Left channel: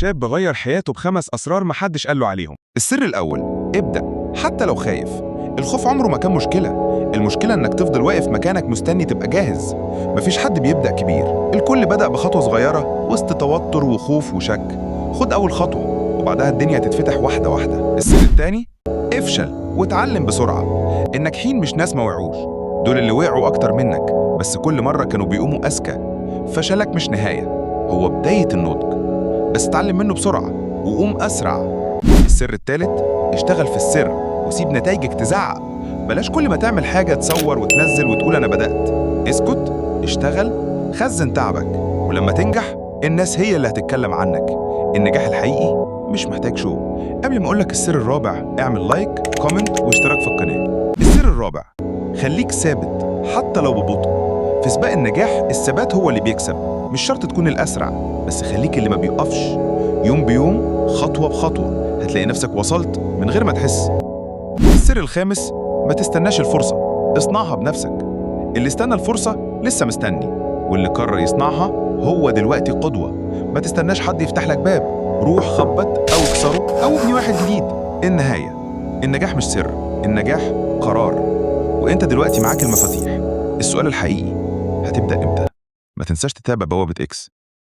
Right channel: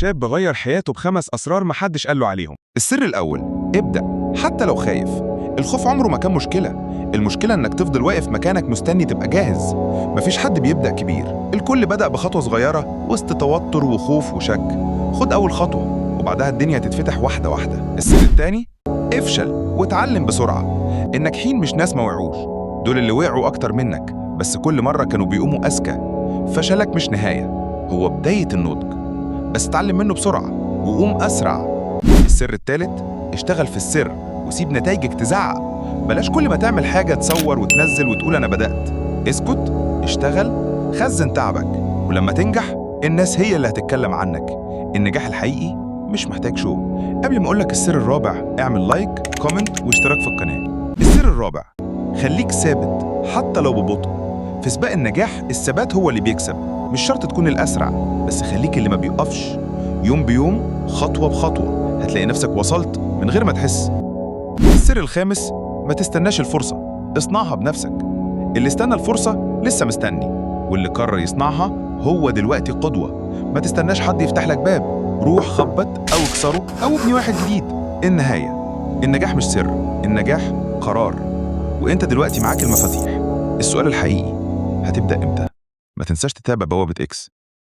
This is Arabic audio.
شاب غير حياته ب5 أسرار محدش قاله عليهم. السر الأول: ابدأ حتى لو خايف. الخوف عمره ما كان مشكلة، المشكلة إنك تفضل واقف مكانك مستني تبقى جاهز. مفيش حد بيبدأ كبير، الكل بدأ بخطوة صغيرة وسط توتر وخوف وشك. خد أول خطوة وبعدها الدنيا هتتفتح واحدة واحدة. السر التاني: افشل واتعلم بسرعة. الناجحين مش ناس ما وقعوش، دول اللي وقعوا أكتر منك بس كل مرة كانوا بيقوموا أذكى. فشلك مش نهاية، هو بداية النضج، بس اتعلم منه بسرعة وقوم أسرع. السر التالت: اشتغل في السر وسيب نتائجك تزعق. بلاش كل ما تعمل حاجة تصور وتنزل وتقول أنا بدأت. اسكت، اشتغل، خزن تعبك، ولما تنجح الناس هي اللي هتتكلم عنك. النجاح الحقيقي مش محتاج شو. قبل ما أقولك السر الرابع، اعمل لايك، كومنت واشتراك في القناة. السر الرابع: خليك ثابت حتى لو ببطء. في سباق النجاح الثبات هو اللي بيكسب، مش شرط تكون الأسرع، بس خليك اللي ما بيقفش. يوم بيوم، خطوة بخطوة، هتلاقي نفسك وصلت من غير ما تحس. السر الخامس: ما تستناش الفرصة، اصنعها بنفسك. اللي استنى الفرصة لسه مستني، واللي قرر يصنعها هو دلوقتي قدوة. ما تستناش حد يفتح لك باب، روح خبط أو اكسره أو ابني واحد جديد. النهاية: النجاح مش سر، النجاح قرار، وانت دلوقتي معاك المفاتيح. السؤال الحقيقي: هتبدأ امتى؟ ما تنساش تتابع بوابة إكس.